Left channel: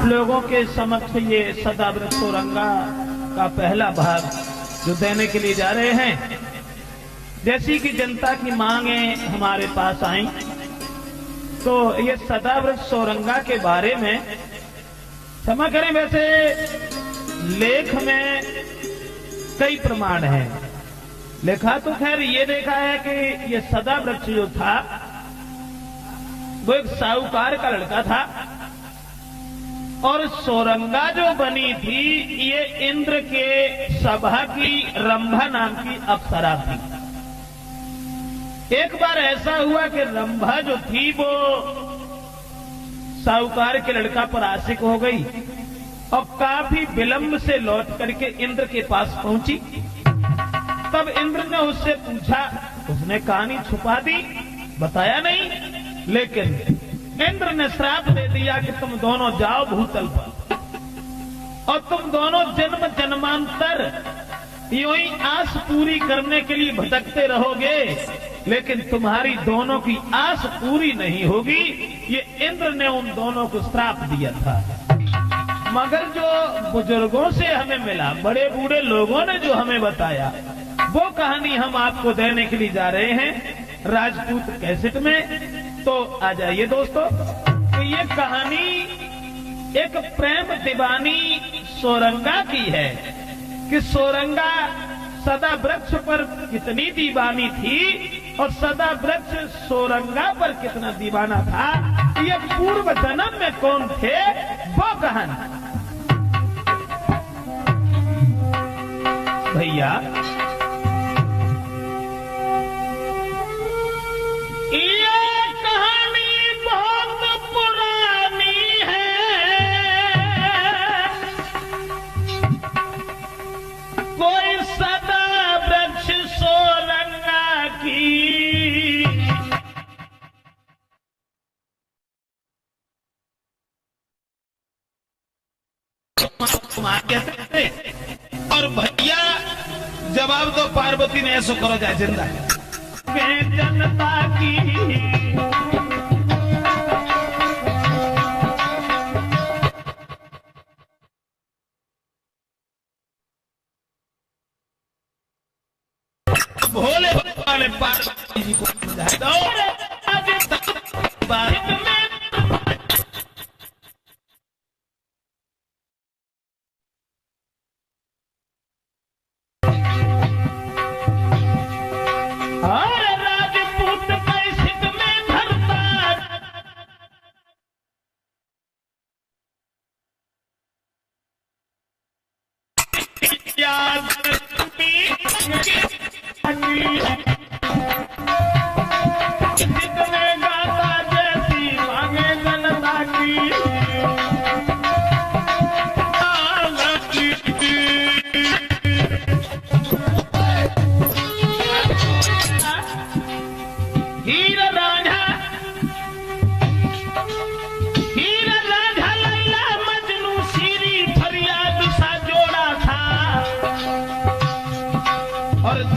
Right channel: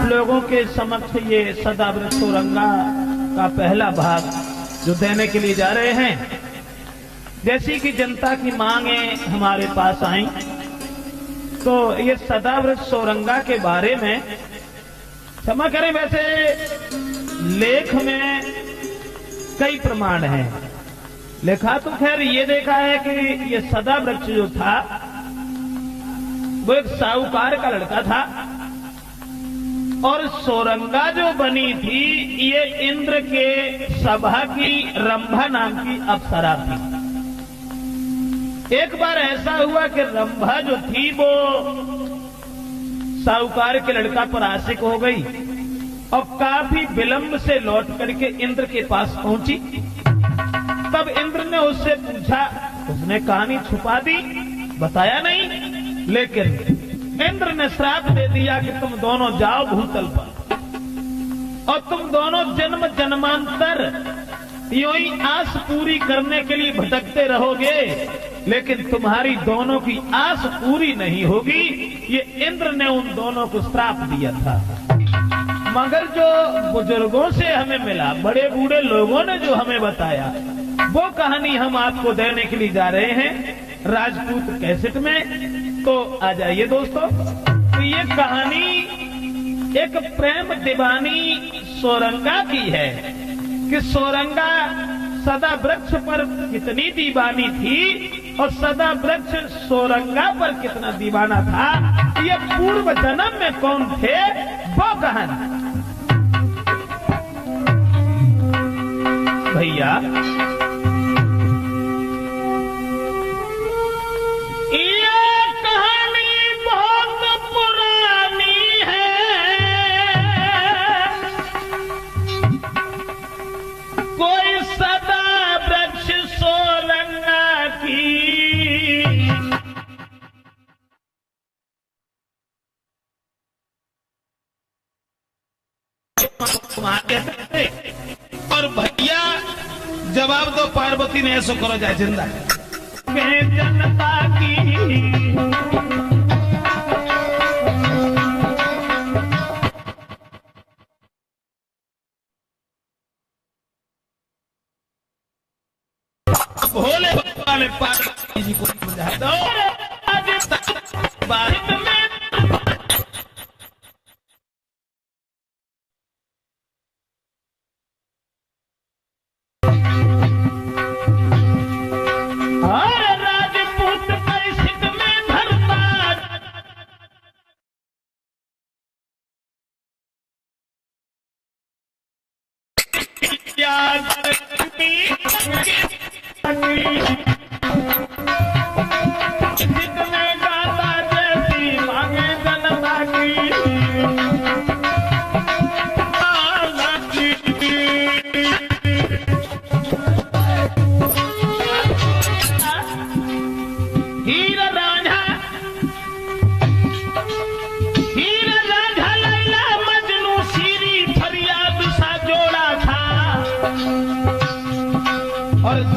आप लोगों के समक्ष ये सदाव्रत सोरंगा का पहला भाग जो देने के लिए जा रहे हैं। जैसी कि जनता की मांगे हमारे पास आई, तो ये सदाव्रत सोरंगा के बारे में क्षमा करें, वैसे लेख में कई प्रमाण हैं। लिखा तो खैर ये देखा है कि ये सदाव्रत जो था वो एक साहूकार का लड़का था, और सोरंगा जो बनी थी ये इंद्र के सभा की रंभा नाम की अप्सरा थी। एक बार ऐसा हुआ कि रंभा जो थी वो साहूकार के लड़का पर आशिक हो गई और काफी विलंब से लौट करके इंद्र के पास पहुंची। तब इंद्र ने उससे पूछा, उसने कहानी छुपा दी, बताया नहीं, लेकिन इंद्र ने श्राप दे दिया कि तुम दोनों जाओ भूतल पर और तुम दोनों जन्म जन्मांतर यूं ही आस पूरी करने के लिए भटकते रहोगे, लेकिन तुम्हारी दोनों की आस पूरी नहीं होगी। ये इंद्र ने उन दोनों को श्राप दिया था। मगर जो बुजुर्गों से हमें मिला, बड़े बूढ़े लोगों ने जो हमें बताया, वो कहानी हम आपको देने के लिए जा रहे हैं राजपूत कैसेट में। तो आ जाइए दोस्तों, तो ये कहानी एक प्रेम दीवानी सोरंगा की है कि सोरंगा सदा वृक्ष पर कितनी दीवानी थी और सदा वृक्ष सोरंगा पर कितना दीवाना था। ये पूर्व जन्म में कौन थे वो कहानी। भैया कहते और भैया जवाब दो, पार्वती ने ऐसा करो जाए जिंदा जनता की भोले बाबा ने पार्वती जी को समझाया दो।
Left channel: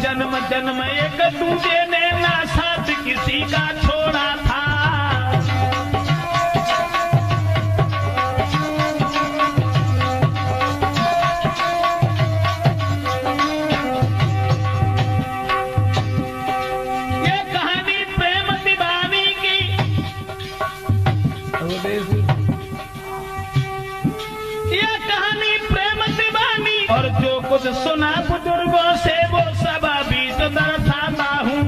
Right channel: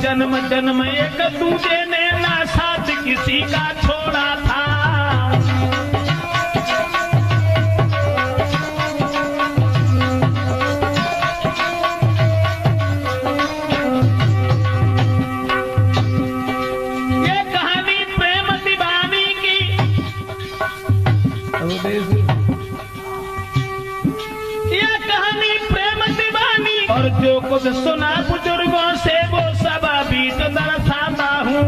जन्म जन्म एक दूजे ने ना साथ किसी का छोड़ा था। ये कहानी प्रेम दीवानी की, ये कहानी प्रेम दीवानी, और जो कुछ सुना बुजुर्गों से वो सब अभी तो दर्शाता हूँ।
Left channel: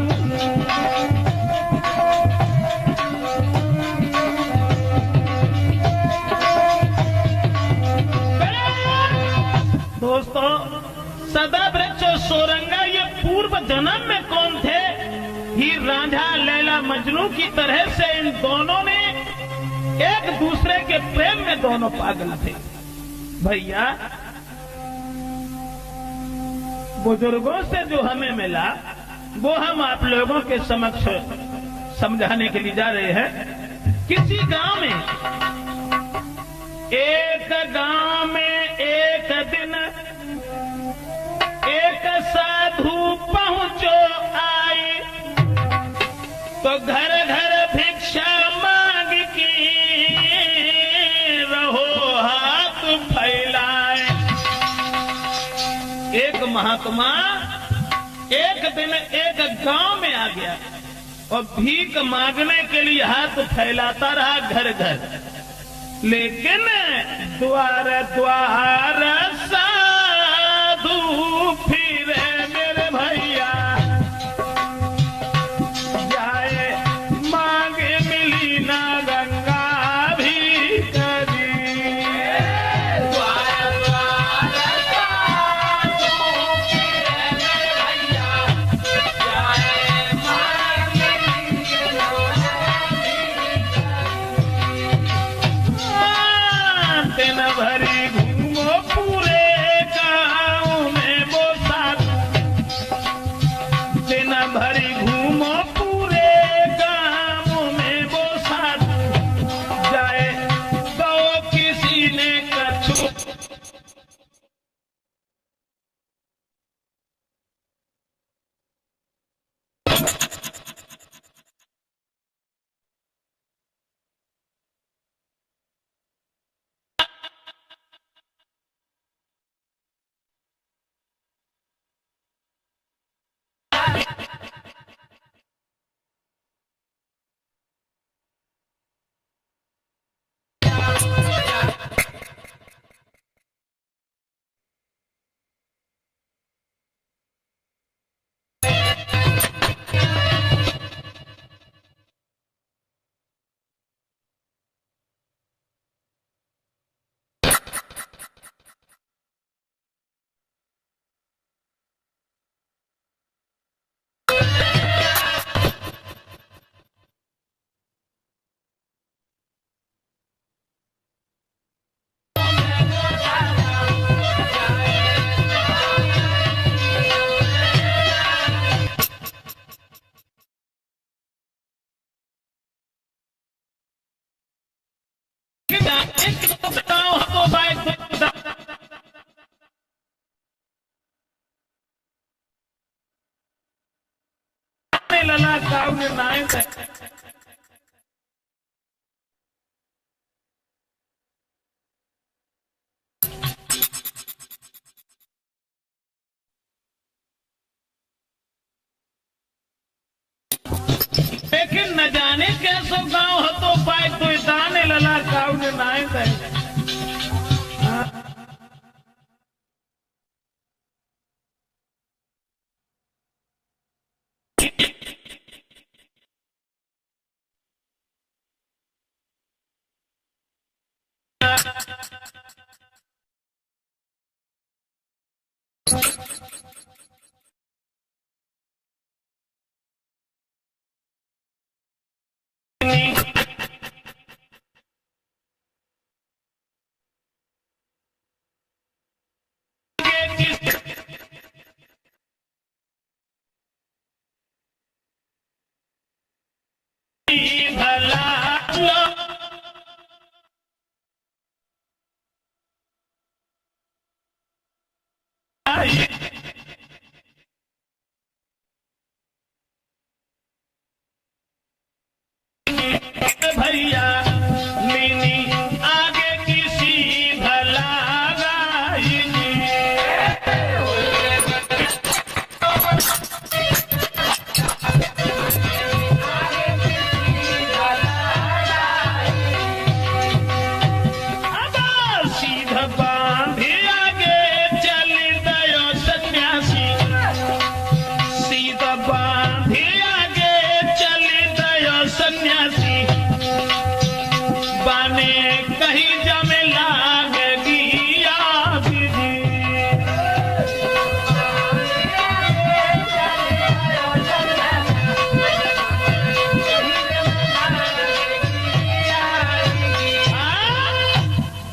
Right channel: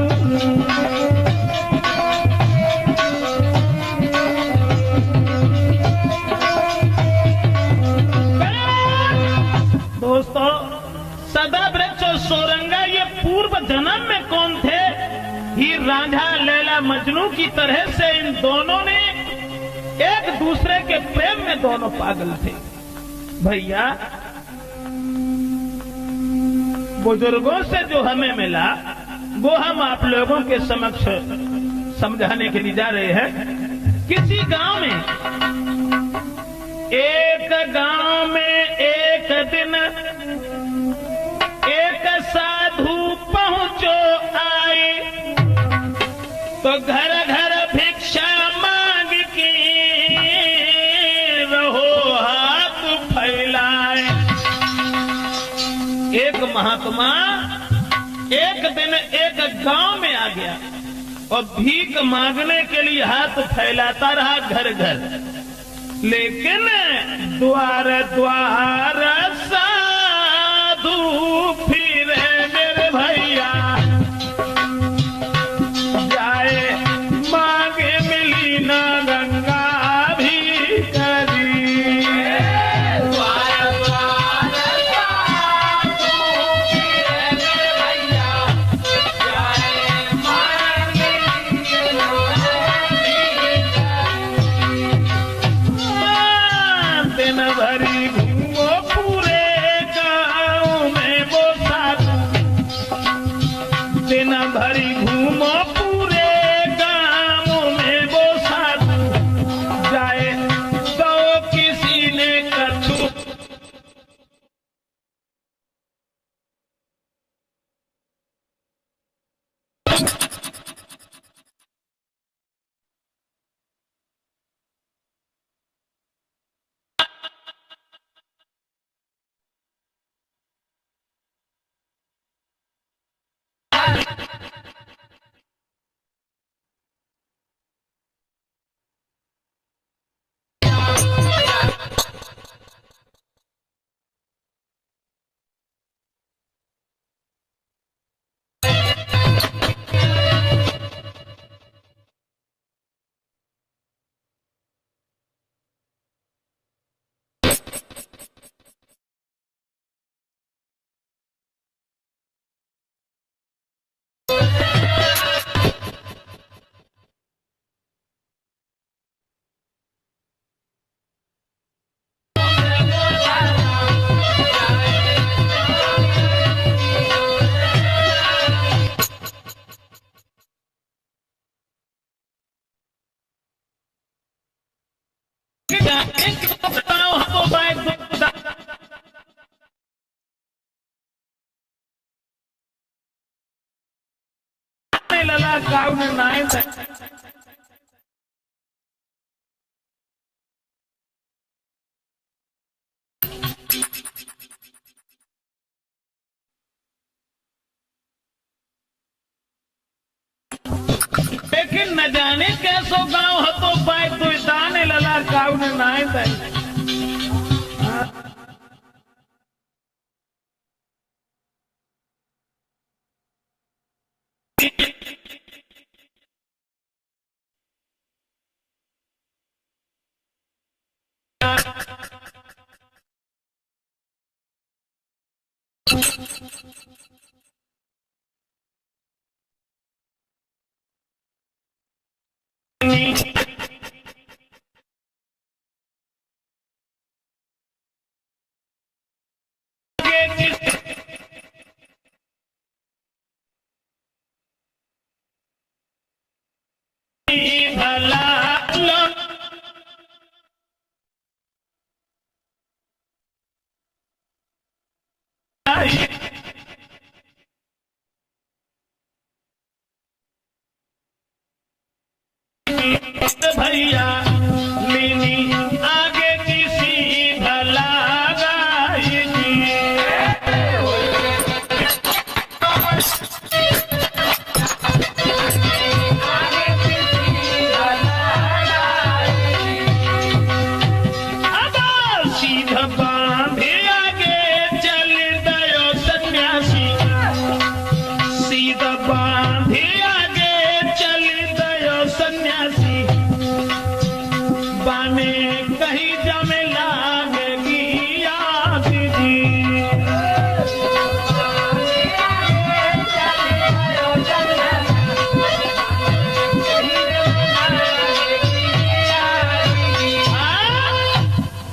दोस्तों, सदाव्रत और सोरंगा ये पूर्व जन्म में कौन थे? हीर रांझा लैला मजनू की तरह से इन दोनों ने एक दूसरे के प्रेम में दोनों पागल थे। भैया बुजुर्गों से जो हमें मिला वो हम आप लोगों के समक्ष समझाने के लिए जा रहे हैं। किसी गांव में एक दिन एक साधु पहुंचो आए, तो घर घर भिक्षा मांग के रहो महात्मा एक दिन एक गांव में आ गया और भीख मांगने के लिए हाथ फैलाता रहा घर घर, लेकिन द्वार द्वार साधु फिरे मेरे भैया, जाए मांगे मिली ना गंगा भी करी। दिन भरी घूमो पूरे गाँव में वो साधु, दिन भरी घूमो पूरे गाँव में वो साधु, जाए तो किसी ने कछु लला काऊ नाय लेकिन न जाने कैसो गाँव हतो पाए तो दाने लला काऊ नाय भैया मीनी आगे किसी भला सीधा बांधे आगे चल गयो सन्यासी, सीधा बांधे आगे चल गयो सन्यासी, बाने कहीं जमेला में दिया दीदी।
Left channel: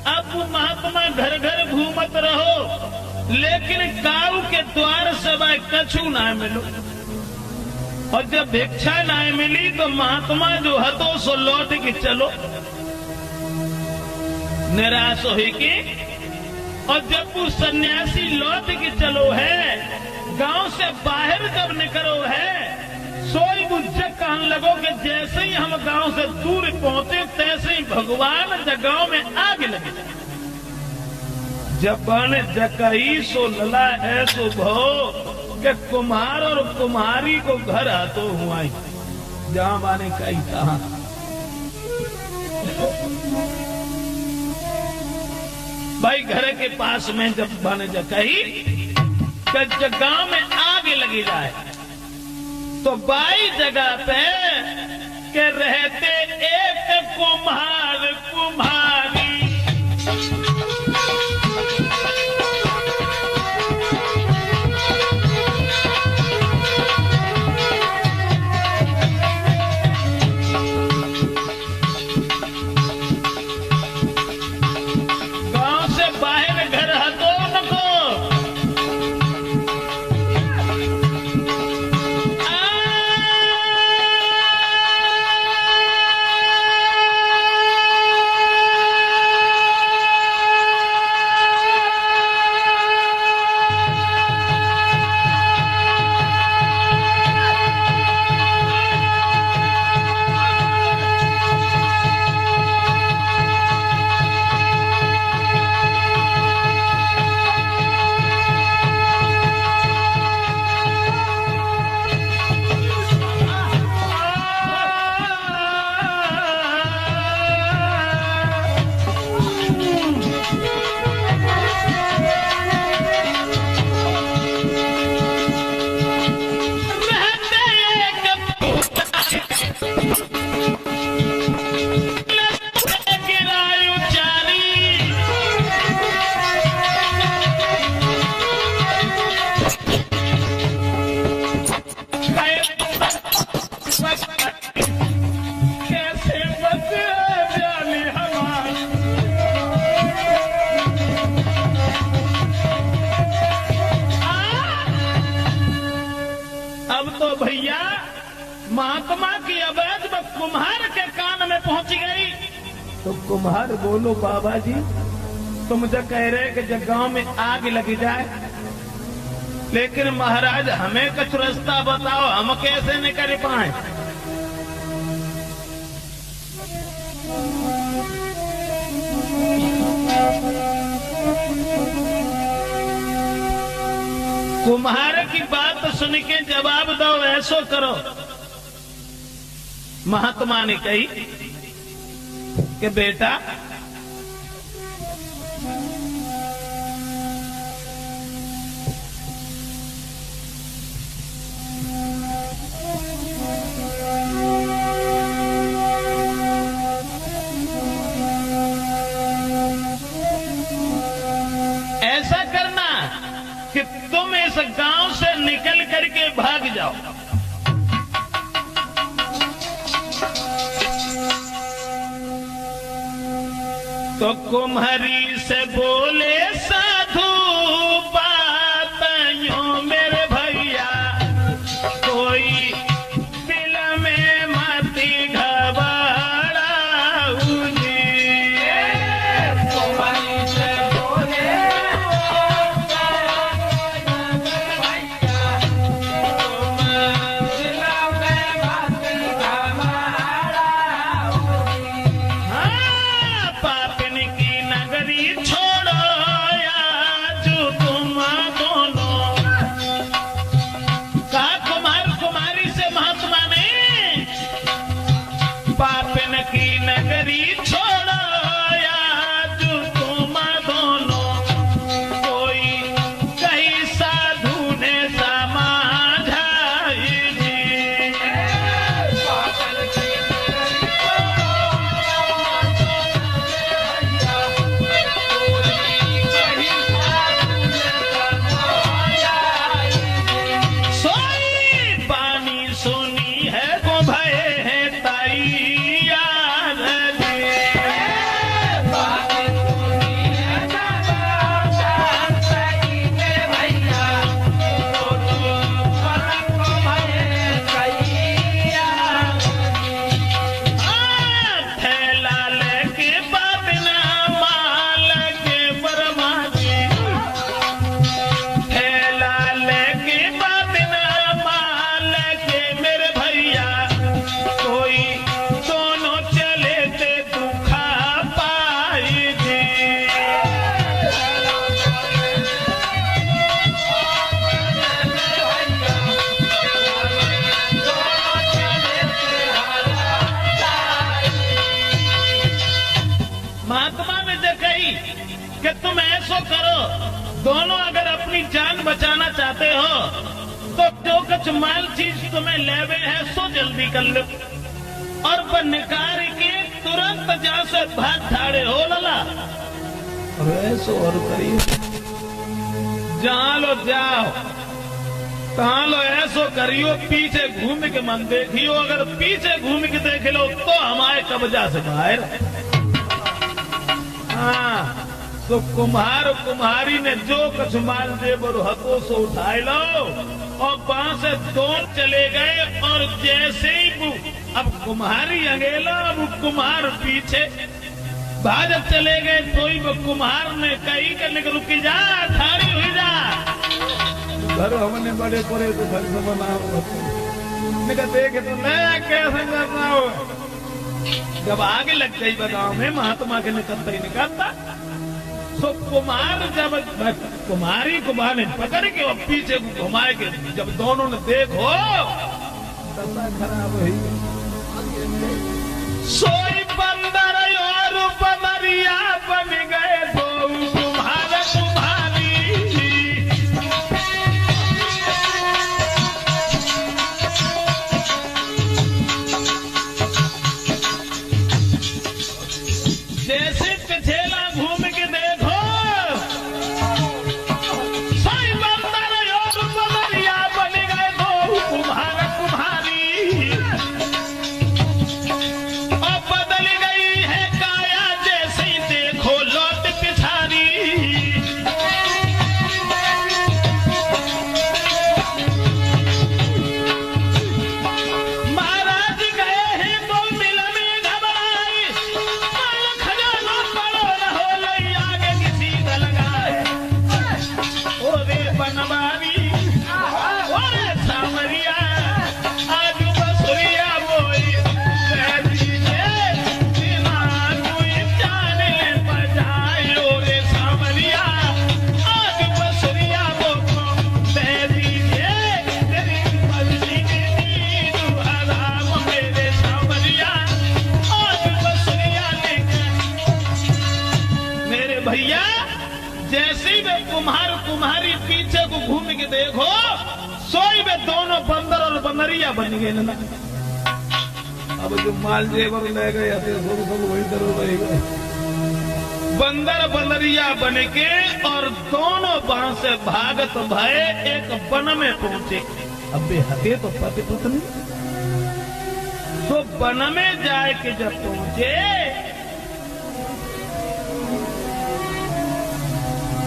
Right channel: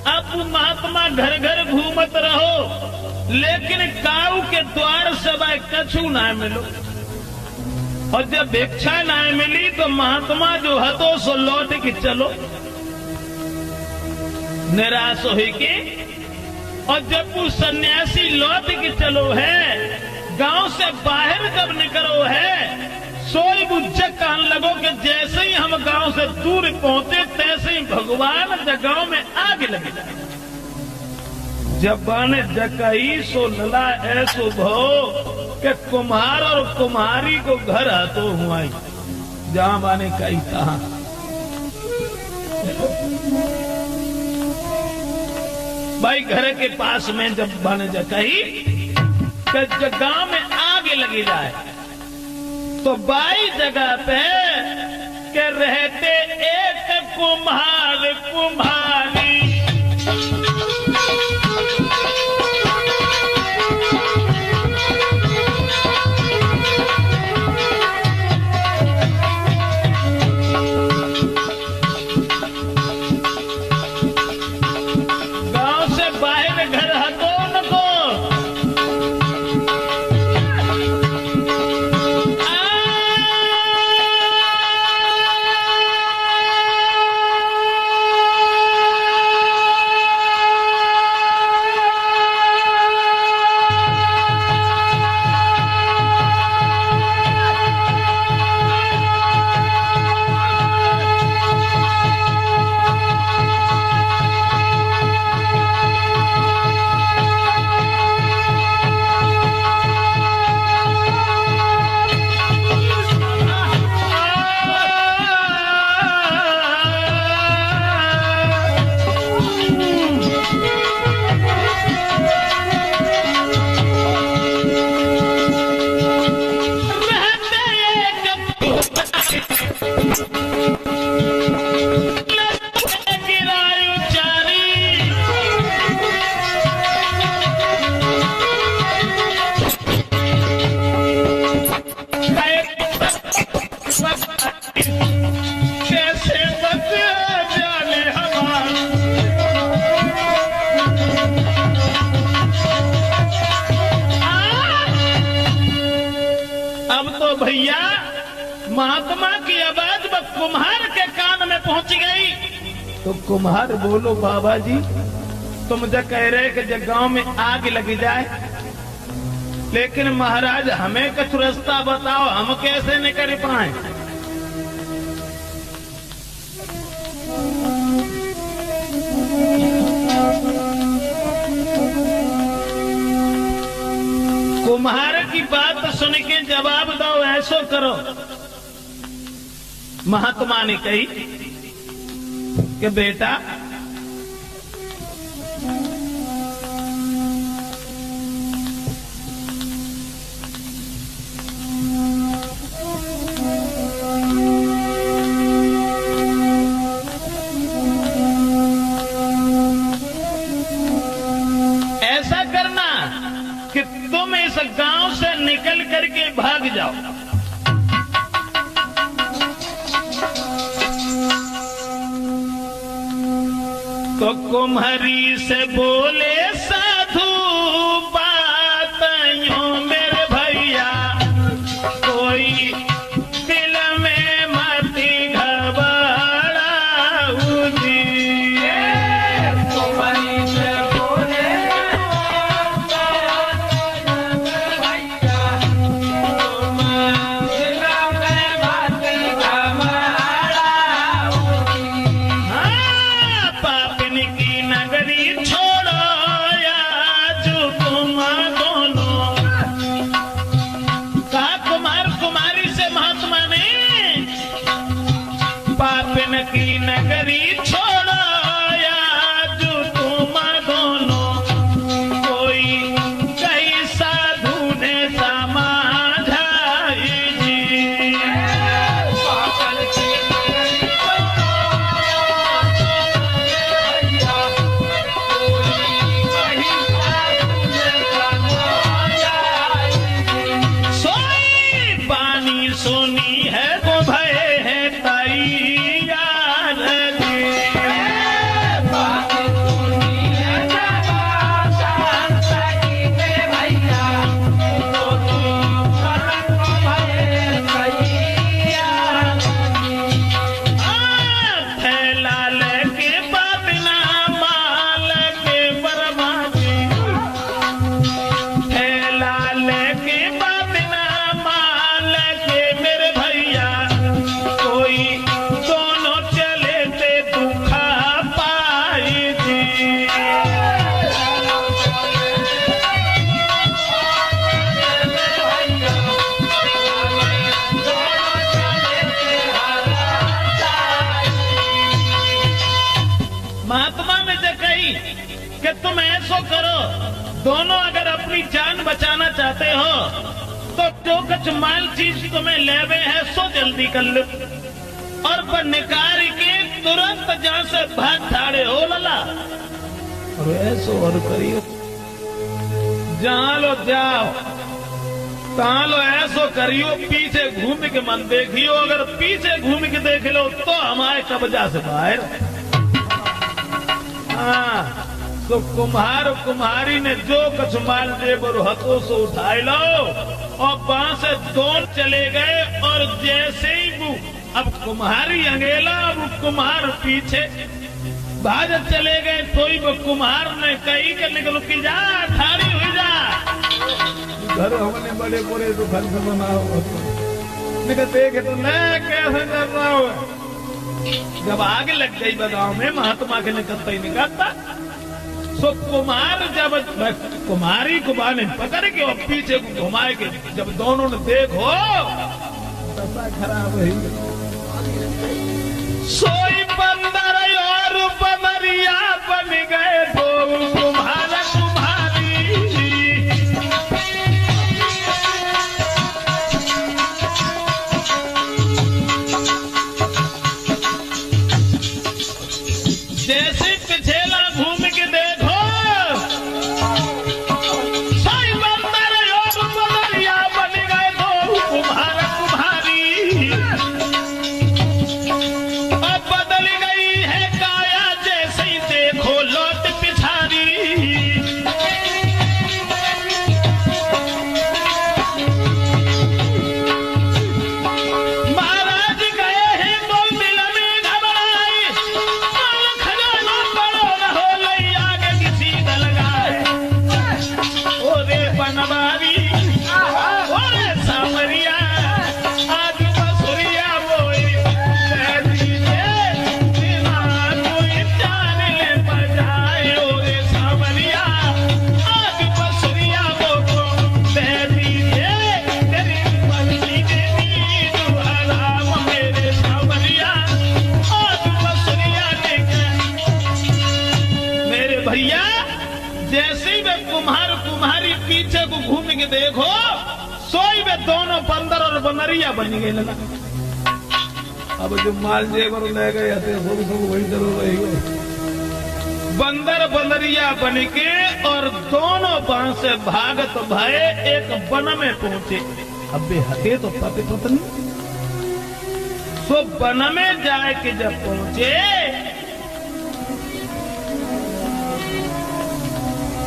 अब महात्मा घर घर घूमत रहो, लेकिन काऊ के द्वार से कछु ना मिलो, और जब भिक्षा ना मिली तो महात्मा जो हतो सो लौट के चलो निराश हुई के। और जब वो सन्यासी लौट के चलो है, गांव से बाहर जब निकलो है, सोई बुज्जक कहने लगो कि जैसे ही हम गांव से दूर पहुंचे तैसे ही भगवान गांव में आग लगे। जब बन जकई सो लला ऐसो भो कि कुम्हार और कुम्हारी को घर आतो हुआई, जहां माने कई तहां। भाई घर के पास में जब बन जकई कि गांव में आग लगी जाए तो बाई जगह पे के रहते एक कुम्हार कुम्हारी। गांव से बाहर घर हटो नको, भैया महात्मा की आवाज बस कुम्हार के कान में पहुंच गई। तो कुम्हार बोलो बाबा जी तुम जो कह रहे कि जब गांव में आग लग जाए, लेकिन महाराज हमें कुछ रास्ता बताओ, हम कैसे निकल पाए। कुम्हार की बात सुन के जवाब दो, ऐसो करो। महात्मा ने कही कि बेटा ऐसा करना कि तुम इस गांव से निकल करके भाग जाओ। तो कुम्हारी से बोले साधु बात यूं मेरे भैया, कोई दिल में मत घबराओ जी। कुम्हारी से बोले छोड़ो या जो से कही कि तुम ऐसो करो, दोनों अगर अपनी जान बचाना चाहते हो तो जो कुछ माल चीज तुम्हें लेवे है सो जल्दी कर लो, और वो निकाल के तुरंत जहाँ से भाग ठाड़े हो लला। और ऐसो और करिए, जहाँ लो जाओ, कहाँ लो ऐसो करियो, पीछे घूम के मन देखियो, अगर पीछे घूम के देख लो तो हमारे कब्जा से बाहर। हाँ, तो कुम्हार कुम्हारी ने जो कुछ माल जेबर हाथों से उठाए लो और वहां से दौड़ चले गए, और जैसे ही वो अब कुम्हारी अंगेला, वो कुम्हार पीछे भाग चले गए, तो ही वो कुम्हार ने कही कि निकल रुकी जा, ठाड़ी हुई जा, घर हमने बड़े पूरे को घर से बनाओ, देखे तो मैं कैसे कर रहा हूँ। जब आगे लग गई गाँव में महात्मा के निकलता ही निकलता, तो कुमार जब कुमारी को ने पकड़ के और पीछे घुमा के जब दोनों ने देखो दशा खराब हुई। सोई बंदर और बमरिया बन गए दो कुम्हार कुम्हारी। जैसे पिछेला घूम के देखो, सोई बंदर और बमरिया बन गए दो कुम्हार कुम्हारी। अब बदल गई है काया, जैसे ही देखो लौट पिछाड़ी। महाराज गए हैं तो दिल में घबराए, खजाना पड़ो न हो लई आगे किसी दल गाए। ओरे बनवारी ओरे सांवरिया, आज बसुरिया बोई कह दीजिए, बिना कोई जाने बजाए। ओरे सांवरिया आज बसुरिया बोको कह दीजिए, तेरी मर्जी के नींद हराम मेरे सांवरिया आज बसुरिया के मेरे भैया। जैसे ही वे कुम्हार कुम्हारी पीछे को घूम के देखो, सोई वे दोनों बंदर और बंदरिया बन गए ना। अब जो माल जेवर ले गए थे थोड़ी थोड़ी वही जरूर रहेगा। बंदर बंदरिया बन के और दोनों वहां से भागत भये एक वन में पहुंचे। अब वे हटे तो पति पत्नी, तो वन में जाए के जब पहुंचे,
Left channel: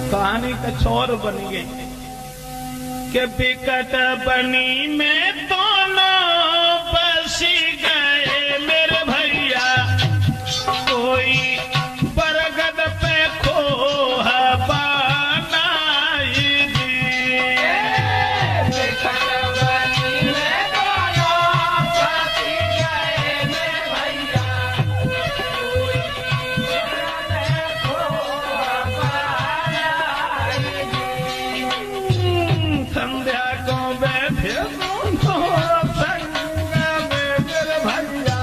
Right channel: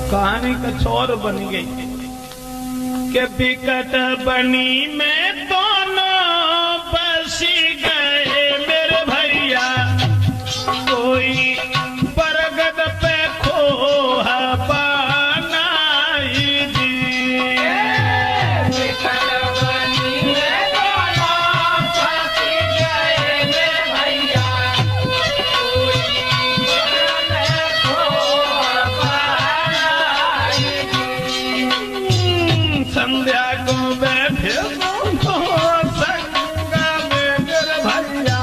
कहानी कुछ और बन गई कि बिकट बनी में दोनों बसी गए मेरे भैया। कोई बरगद पे खोहा बनाई दी। बिकट बनी में दोनों बसी गए मेरे भैया। संध्या को बैठे दोनों संग में मेरे भैया।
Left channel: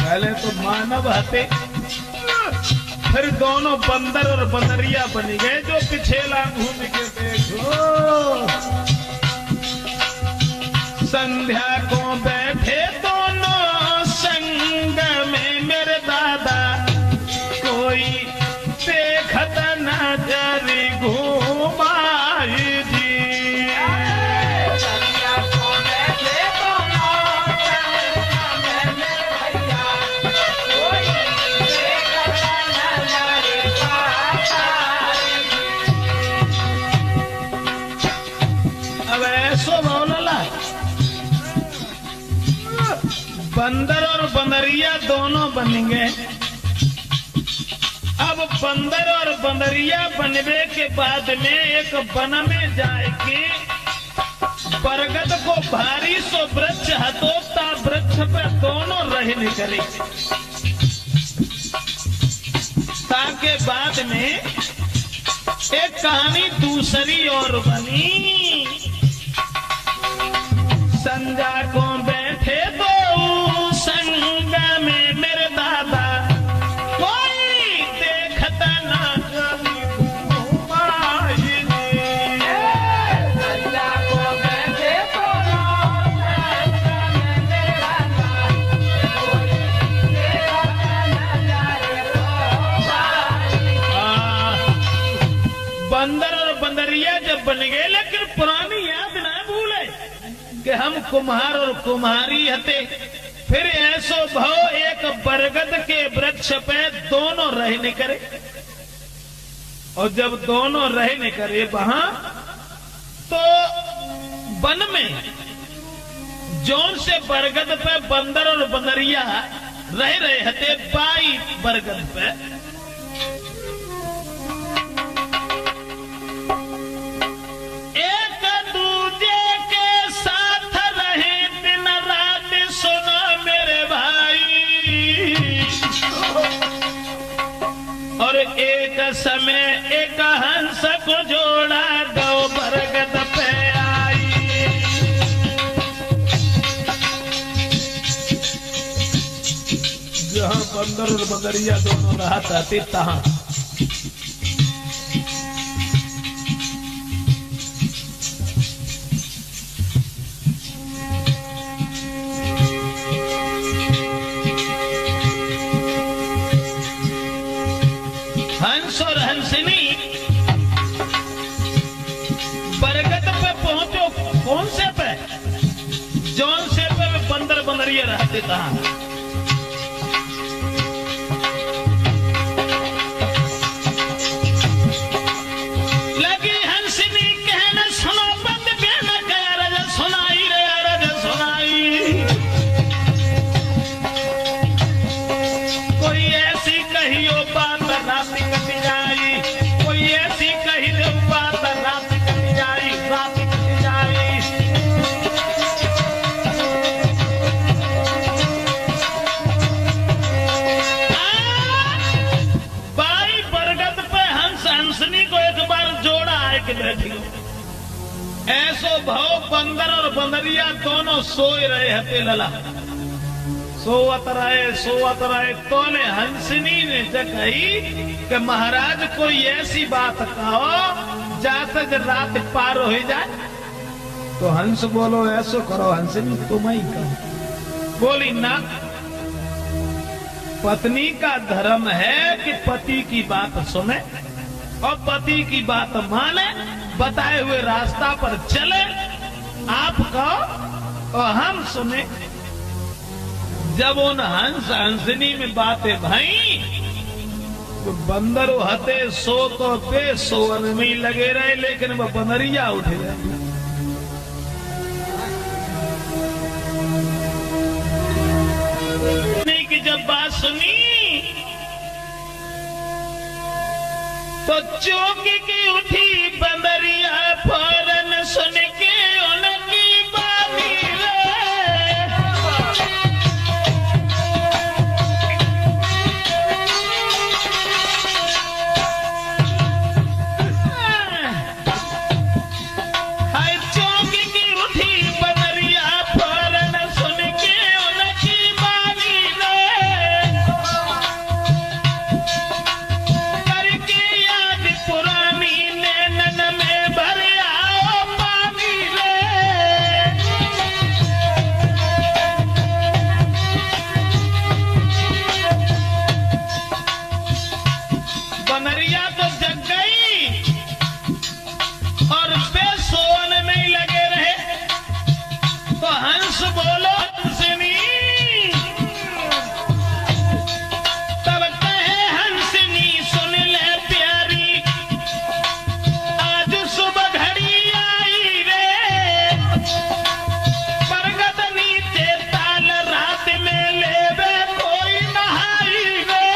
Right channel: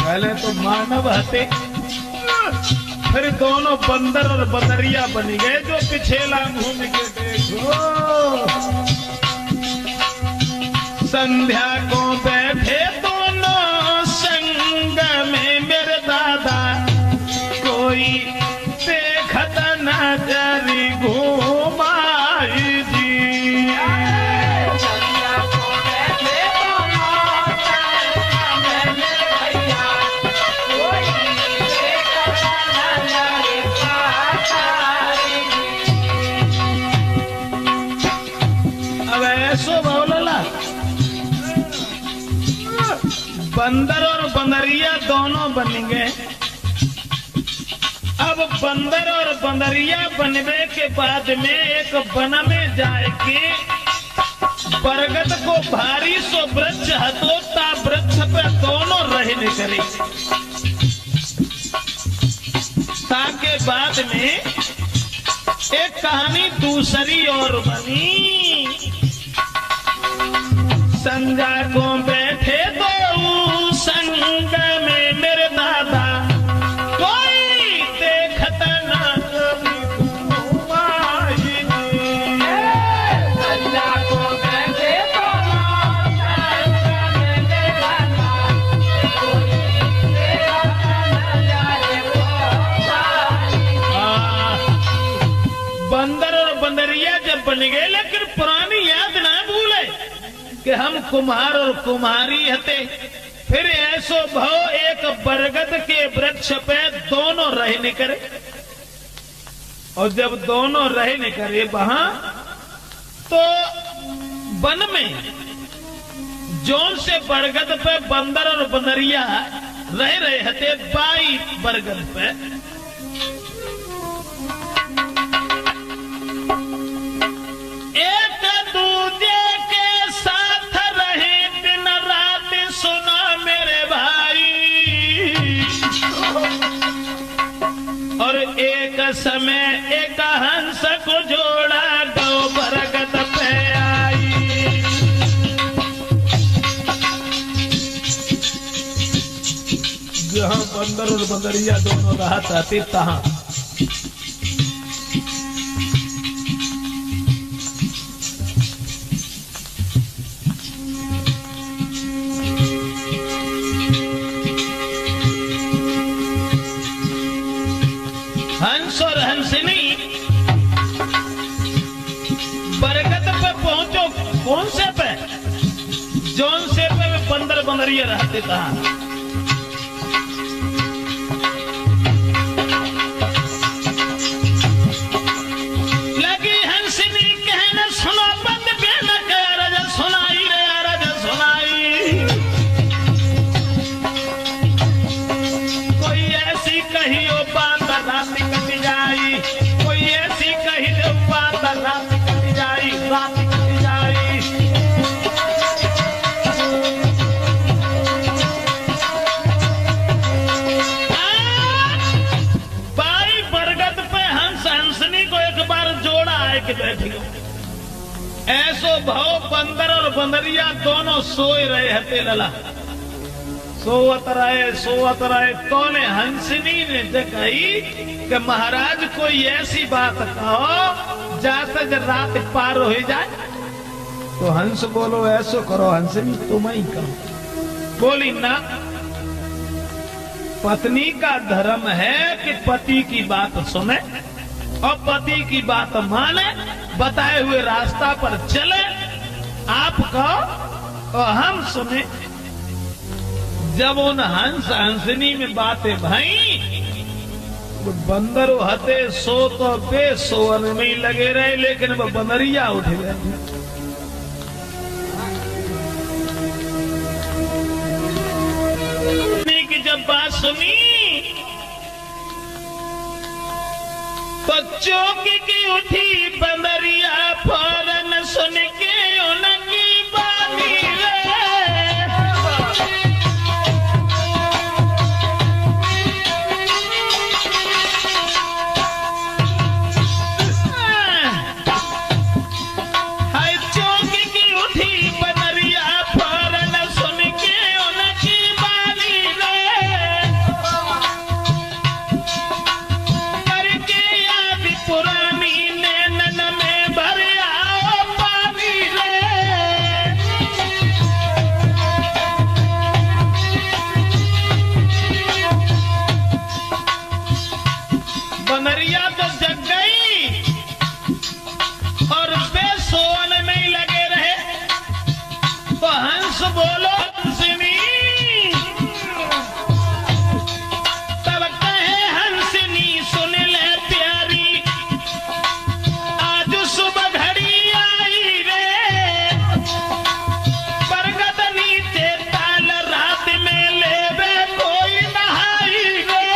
पहले तो मानव हटे, फिर दोनों बंदर और बंदरिया बन गए। जो पिछेला घूम के देखो, संध्या को बैठे दोनों संग में मेरे दादा। कोई देखत नजर घूमाई दी। अब ऐसो बोला, बंदर और बंदरिया दोनों बन गए। अब बंदर और बंदरिया बनने के बाद में एक वन में जाके बरगद को भारी सो वृक्ष हतोता, वृक्ष पर दोनों रह निकले। ताके बाद में एक कहानी दूसरी और बनी। संगा को बैठे दो संग में मेरे दादा। कोई हम कुम्हार और कुम्हारी हते। फिर ऐसो भाव एक बरगद के वृक्ष पे दोनों रहने करे, और जब दोनों रहने करे वहां, तो वन में जोन से बरगद पे बंदर और बंदरिया रह रहे हते, बाई बरगद पे एक दूजे के साथ रहे दिन रात, सुना मेरे भाई। और एक समय एक हंस को जोड़ा गौ बरगद पे आई। जहां बंदर और बंदरिया दोनों रहा चाहते तहां हंस और हंसनी बरगद पे पहुंचो। कौन से पे? जौन से पे बंदर बंदरिया रहते तहां। ऐसो भाव बंदर और बंदरिया दोनों सोए रहे हते लला। सोवत रहे तो ने हंसनी ने कही कि महाराज कोई ऐसी बात कहो जाकर जब रात पार हो जाए। तो हंस बोलो ऐसो करो हंसनी, तुम ही कहो। बोली ना, पत्नी का धर्म है कि पति की बात सुने और पति की बात माने, बताए हुए रास्ता पर चले। आप कहो और हम सुने। जब उन हंस हंसनी में बातें भाई, वो बंदर हते सो तो बेसोवन में ही लगे रहे, लेकिन वो बंदरिया उठे की जब बात सुनी तो चौकी की उठी बंदरिया, फौरन सुन के उनकी बानी हाय। चौकी की उठी बंदरिया, फौरन सुन के उनकी बानी करके याद पुरानी नैनन में भर आओ पानी बनरिया तो जग गई और बेसोने में ही लगे रहे। तो हंस बोलो हंसनी, तब कहे हंसनी सुन ले प्यारी, आज सुबह घड़ी आई रे, बरगद नीचे ताल रात में लेवे कोई नहाई रे।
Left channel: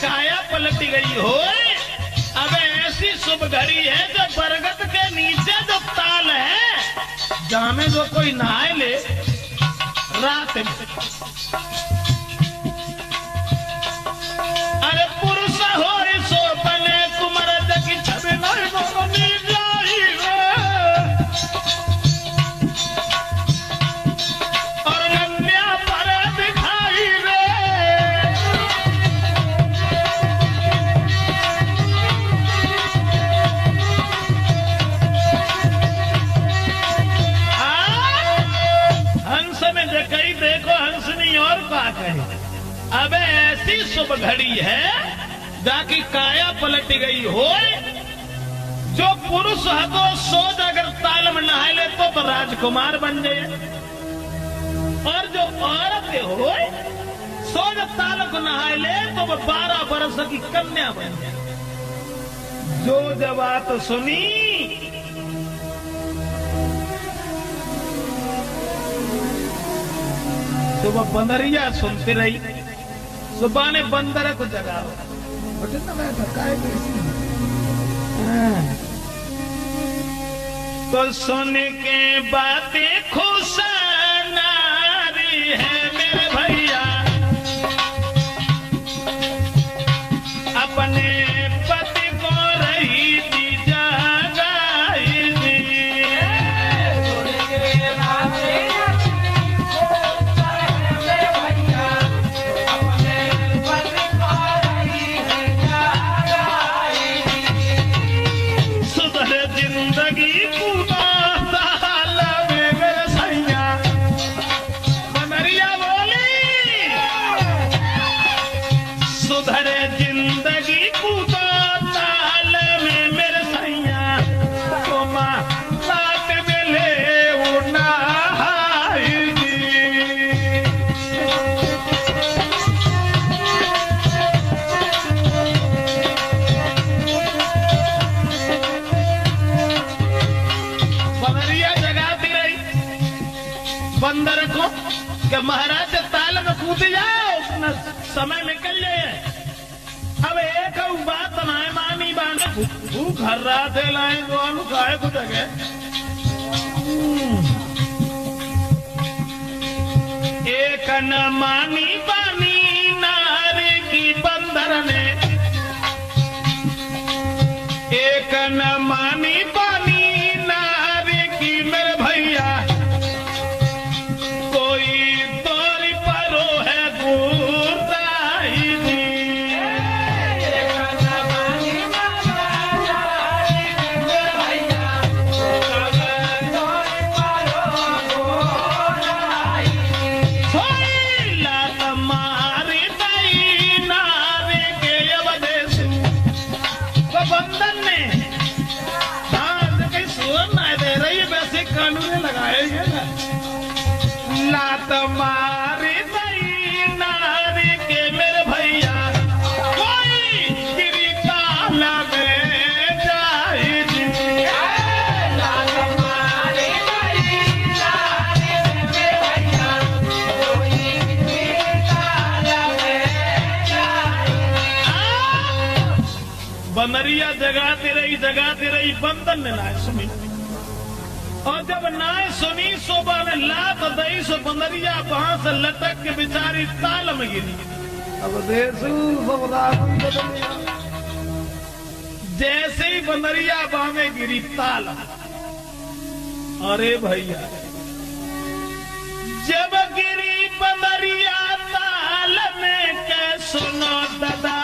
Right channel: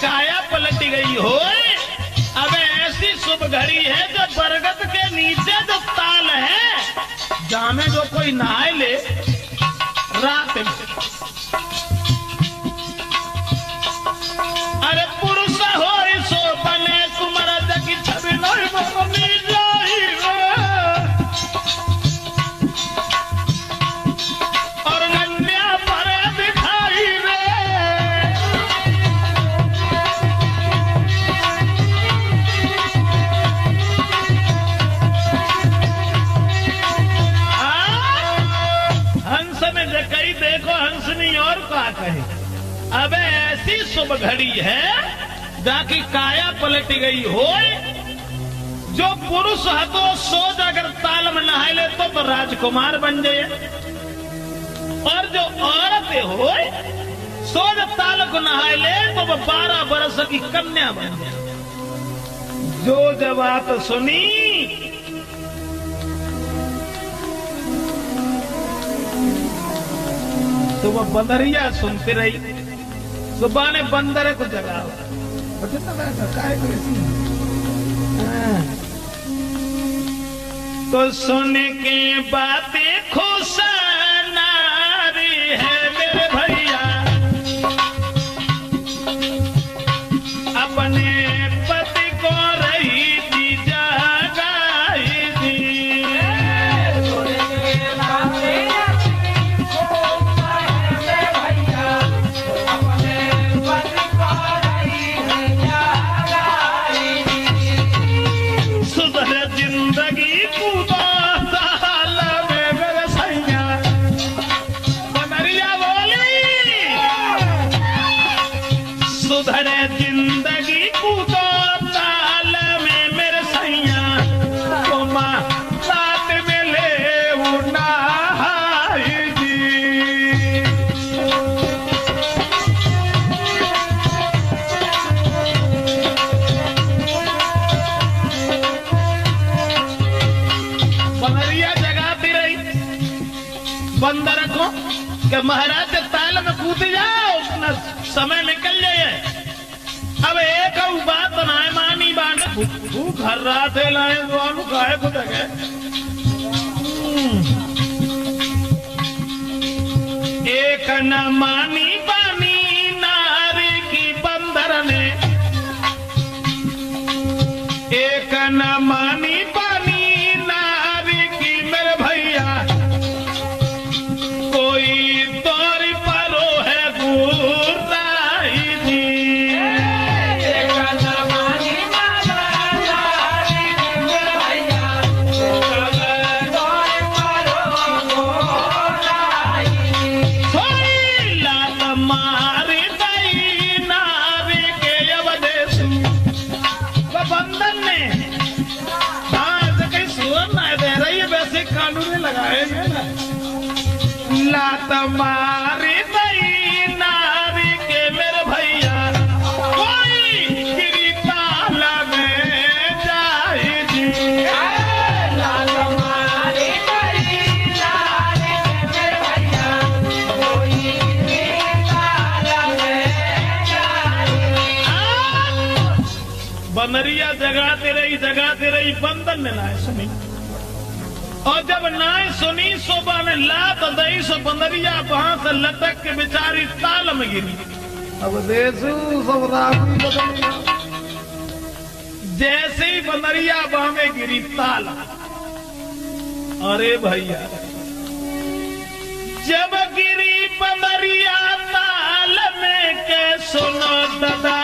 काया पलट गई हो। अब ऐसी शुभ घड़ी है जो बरगद के नीचे जो ताल है, जाने जो कोई नहाए ले रात में। अरे पुरुष हो सो बने कुमरद की छवि आदमी और का कहे। अब ऐसी शुभ घड़ी है जाके काया पलट गई हो। जो पुरुष हतो सोच अगर ताल में नहाए ले तो राजकुमार बन जाए, और जो औरतें हो सोच ताल को नहाए ले तो 12 बरस की कन्या बन जाए। जो जब बात सुनी तो वह बंदरिया सुनती रही। सुबह ने बंदर को जगाओ, तो सुन के बातें खुश नारी है मेरे भैया, अपने पति को रही थी जगाई दी। जिंदगी कूदो ताल में मेरे सैया, तो माँ बात में ले उनाई जी। बंदरिया जगाती रही बंदर को कि महाराज ताल में कूद जाओ, अपना समय निकल जाए। अब एक बात बनाए मानी बांध भूख हर रात लाए वो हम गाय को लगे। एक न मानी बानी नारी की बंदर ने, एक न मानी बानी नारी की मेरे भैया, कोई तोरी परो है गुरदाई जी। लात मारी गई नारी के मेरे भैया, कोई गिरी काला में जाए जी। लात मारी गई नारी के मेरे भैया, कोई गिरी काला में जाए। बंदरिया जगाते रही बंदन ने लाए सुनी, और जब नाय सुनी सुबह में लात दई सो बंदरिया वहां से लटक के बेचारी ताल में गिरी। अब देखो जैसे ही बंदरिया वहां में गिरी ताल, अरे भैया जब गिरी बंदरिया ताल में के सुनो दादा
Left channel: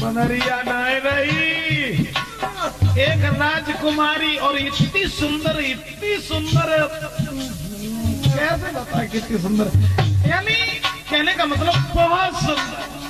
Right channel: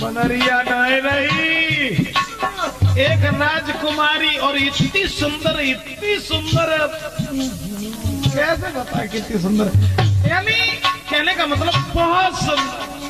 बनरिया नहीं रही। एक राजकुमारी और इतनी सुंदर कैसे बता कितनी सुंदर, यानी कहने का मतलब बहुत सुंदर।